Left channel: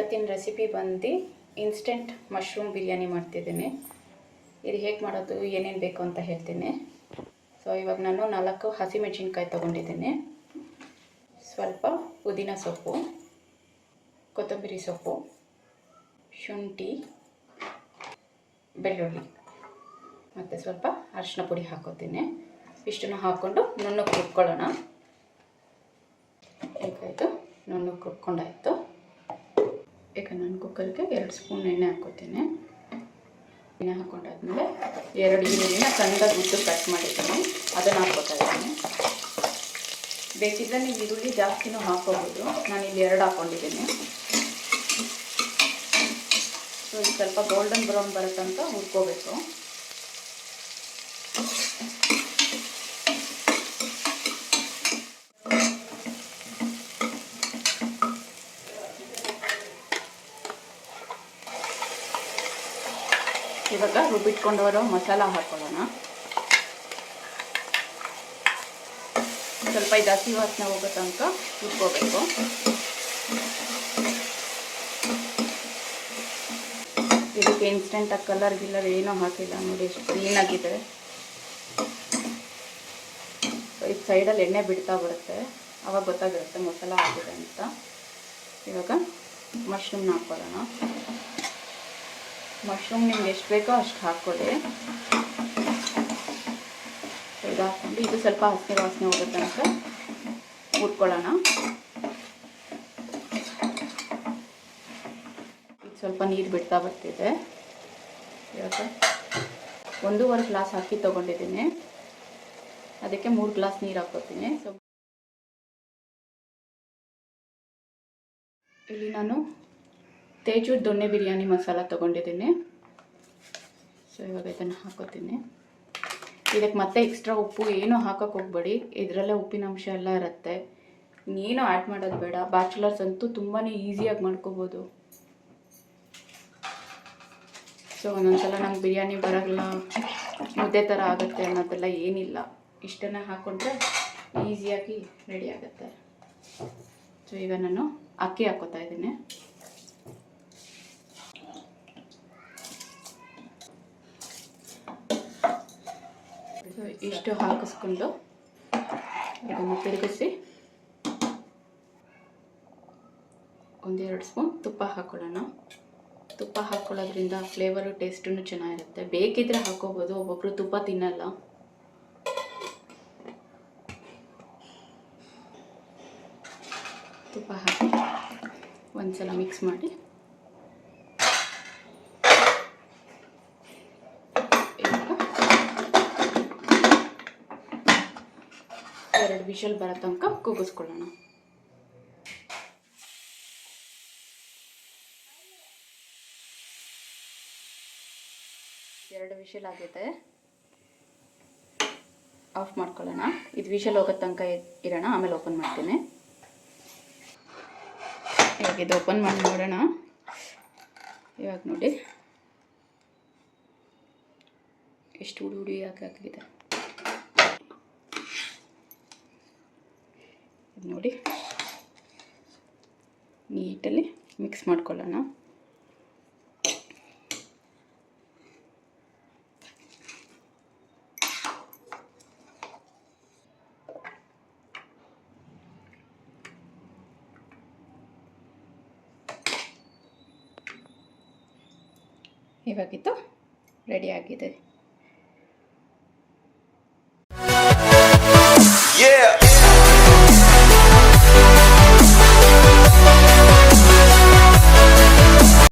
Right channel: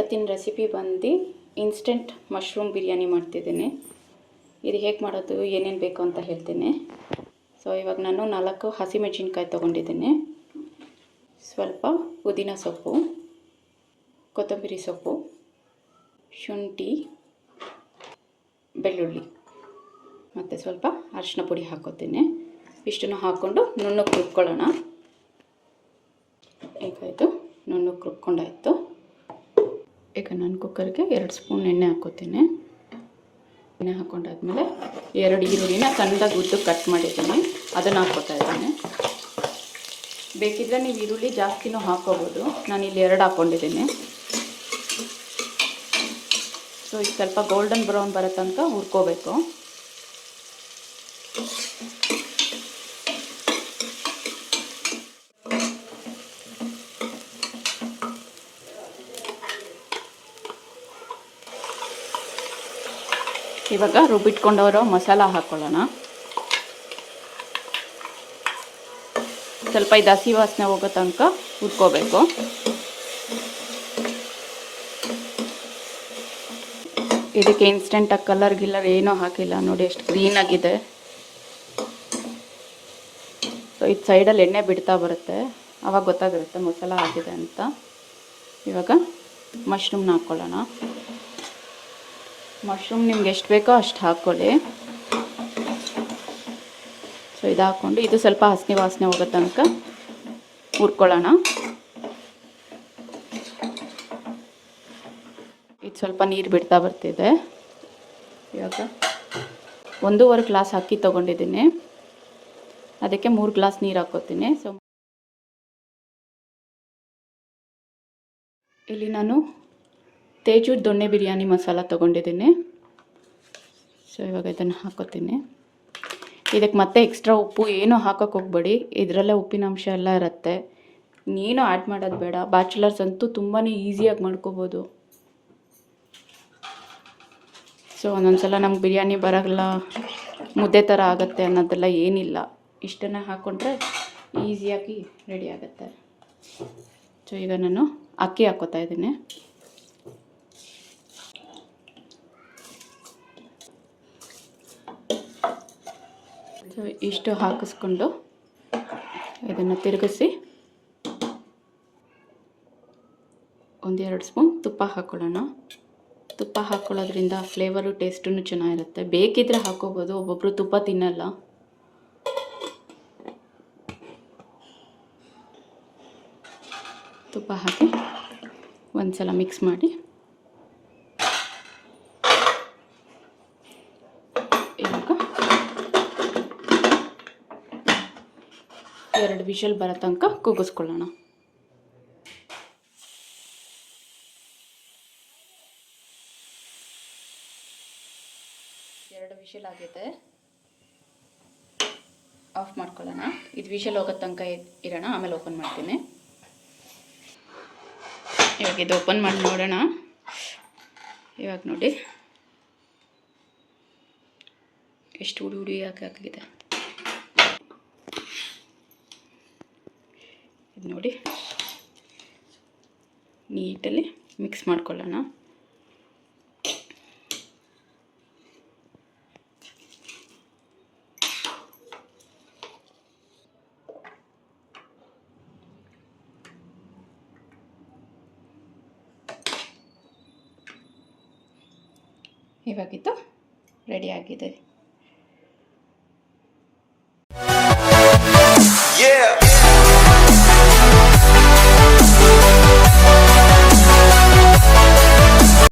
ಇವತ್ತಿನ ರೆಸಿಪಿ ಬಂದು instant mushroom biryani ಮಾಡ್ತಿದ್ದೀನಿ. ಇದು ಹೇಗೆ ಮಾಡೋದು ಏನೇನು ಬೇಕು ಅಂತ ಹೇಳ್ತೀನಿ. ಸೊ ಇವಾಗ ನಾನು 4 ಹಸಿಮೆಣಸಿನ್ಕಾಯಿ ತೊಗೊಂಡಿದ್ದೀನಿ, ಸ್ವಲ್ಪ ಪುದೀನ ಸೊಪ್ಪು, ಕೊತ್ತಂಬರಿ ಸೊಪ್ಪು, ಶುಂಠಿ, ಬೆಳ್ಳುಳ್ಳಿ ಮತ್ತು ಸ್ವಲ್ಪ ಅರಿಶಿನ ಪುಡಿ ಹಾಕೋತೀನಿ. ಇಷ್ಟನ್ನು ಹಾಕ್ಕೊಂಡು ನುಣ್ಣಗೆ ರುಬ್ಕೊಳ್ಳೋಣ. ಈಗ ಇದು ನುಣ್ಣಗೆ ರುಬ್ಕೊಂಡಾಯಿತು. ಈಗ ನಾನು ಕುಕ್ಕರ್ಗೆ 2 ಸ್ಪೂನ್ ಎಣ್ಣೆ ಹಾಕೋತೀನಿ. ಎಣ್ಣೆ ಹಾಕ್ಕೊಂಡಾದ್ಮೇಲೆ 2 ಈರುಳ್ಳಿನ ಸಣ್ಣದಾಗಿ ಉದ್ದು ಕಟ್ ಮಾಡಿದ್ದೀನಿ, ಅದನ್ನು ಹಾಕ್ಕೋತಾ ಇದ್ದೀನಿ. ಬೇಕಿದ್ದರೆ ನೀವು ಈರುಳ್ಳಿ ಜಾಸ್ತಿನೂ ಹಾಕ್ಕೋಬೋದು, ನಾನಿಲ್ಲಿ 2 ಹಾಕ್ಕೊಂಡಿದ್ದೀನಿ. ಸೊ ಇದು ಸ್ವಲ್ಪ ಗೋಲ್ಡನ್ ಬ್ರೌನ್ ಬರೋ ತನಕ ಹುರ್ಕೋಬೇಕು. ಇವಾಗ ರುಬ್ಬಿಟ್ಕೊಂಡವರು ಮಸಾಲ ಹಾಕ್ಕೊಳ್ಳೋಣ. ಸ್ವಲ್ಪ ಇದು ಹಸಿ ವಾಸನೆ ಹೋಗೋ ತನಕ ಹುರ್ಕೋಬೇಕು. ಇದಕ್ಕೆ ಇನ್ಸ್ಟೆಂಟಾಗಿ ಕಲರ್ ಗಿಲ್ಲರ್ ಏನೂ ಹಾಕಿಲ್ಲ, ನೋಡಿ ಎಷ್ಟು ಗ್ರೀನಾಗಿದೆ. ಸೊ ಇದು ಸೈಡಲ್ಲಿ ಎಣ್ಣೆ ಬಿಡ್ತಾ ಬರುತ್ತೆ, ಆವಾಗ ಗೊತ್ತಾಗಿರುತ್ತೆ ಮಸಾಲ ಆಗಿದೆ ಅಂತ. ಇವಾಗ ಮಶ್ರೂಮ್ನ ಹಾಕ್ಕೊಳ್ಳೋಣ. ಮಶ್ರೂಮ್ ನಿಮ್ಗೆ ಎಷ್ಟು ಬೇಕೋ ಅಷ್ಟು ಹಾಕ್ಕೊಳ್ಳಿ. ಸೊ ಇದು ಹಾಕ್ಕೊಂಡು ಇದು ಸ್ವಲ್ಪ ಹಸಿ ವಾಸನೆ ಹೋಗೋ ತನಕ ಹುರ್ಕೊಳ್ಳೋಣ. ಇದು ಸ್ವಲ್ಪ ನೀರು ಬಿಡ್ತಾ ಬರ್ತಿದೆ. ಇವಾಗ 1.5 ಗ್ಲಾಸ್ ಅಕ್ಕಿ ತೊಗೊಂಡಿದ್ದೀನಿ, ಅದಕ್ಕೆ 3 ಗ್ಲಾಸ್ ನೀರು ಹಾಕ್ಕೋತೀನಿ. ಸೊ ಇಲ್ಲಿ ನಾನು ತೇಜು ದೊಣ್ಣೆ ಬಿರಿಯಾನಿ ಮಸಾಲ ತೊಗೊಂಡಿದ್ದೀನಿ. ಸೊ ಇವಾಗ ಇದನ್ನು ಹಾಕೋತೀನಿ. ಇದಕ್ಕೆ ಮತ್ತೆ ಎಕ್ಸ್ಟ್ರಾ ಉಪ್ಪು ಏನೂ ಹಾಕೋಕ್ಕೆ ಹೋಗ್ಬೇಡಿ, ಇದರಲ್ಲೇ ಉಪ್ಪಿನ ಅಂಶ ಎಲ್ಲ ಇರುತ್ತೆ. ಇನ್ನೇನು ಆ್ಯಡ್ ಮಾಡೋದು ಬೇಡ. ಬ್ಯಾಚುಲರ್ಸ್ ಅಂತೂ ತುಂಬಾ ಈಸಿಯಾಗಿ ಮಾಡ್ಕೋಬೋದು. ಸೊ ಒಂದೊಂದು ಸಲ ನಮ್ಗೆ ಬಿರಿಯಾನಿ ಬರೋಲ್ಲ, ಮುದ್ದೆ ಥರ ಆಗುತ್ತೆ ಅನ್ನೋದೆಲ್ಲ ಏನಿಲ್ಲ. ಇಷ್ಟನ್ನು ಹಾಕ್ಕೊಂಡ್ರೆ ಈಸಿಯಾಗಿ ರೆಡಿ ಆಗುತ್ತೆ. ಸೊ ಈಗ ನಾನು ಅಕ್ಕಿ ಹಾಕ್ಕೋತಾ ಇದ್ದೀನಿ. ಇಷ್ಟು ಹಾಕಿಸ್ಕೊಂಡು ಇದನ್ನು ತಿರುಗಿಸಿ 1-2 ಸ್ಪೂನ್ ತುಪ್ಪ ಹಾಕ್ಕೊಳ್ಳೋಣ. ತುಪ್ಪ ಹಾಕ್ಕೊಳ್ಳೋದ್ರಿಂದ ಫ್ಲೇವರು ಟೇಸ್ಟೂ ಚೆನ್ನಾಗಿರುತ್ತೆ. ಬೇಕಿದ್ದರೆ ಹಾಕ್ಕೋಬೋದು, ಒಬ್ಬೊಬ್ಬರು ತುಪ್ಪ ತಿನ್ನಲ್ಲ. ತುಪ್ಪ ಹಾಕಿ ಒಂದು ಸಲ ಮಿಕ್ಸ್ ಮಾಡಿ ಇವಾಗ 2 ವಿಷಲ್ ಬರೋ ತನಕ ಕೂಗಿಸ್ಕೊಳ್ಳೋಣ. ಎರಡು ವಿಷಲ್ ಆಗಿದೆ, ಆಫ್ ಮಾಡ್ಕೊಳ್ಳೋಣ. ಇದು ವಿಷಲ್ ಹೋಗೋ ತನಕ ಇರೋಣ, ಆಮೇಲೆ ಓಪನ್ ಮಾಡ್ತೀನಿ. ಇವಾಗ ಇದು ಓಪನ್ ಮಾಡಿ ನೋಡೋಣ. ಇವಾಗ ನೋಡಿ ಎಷ್ಟು ಹುಡಿ ಹಾಕಾಗಿದೆ. ಇದು ನೋಡಿ ನೀಟಲ್ಲಿ ಮಿಕ್ಸ್ ಮಾಡ್ಕೊಳ್ಳೋಣ. ಇವಾಗಿತ್ತು ರೆಡಿ ಆಗಿದೆ.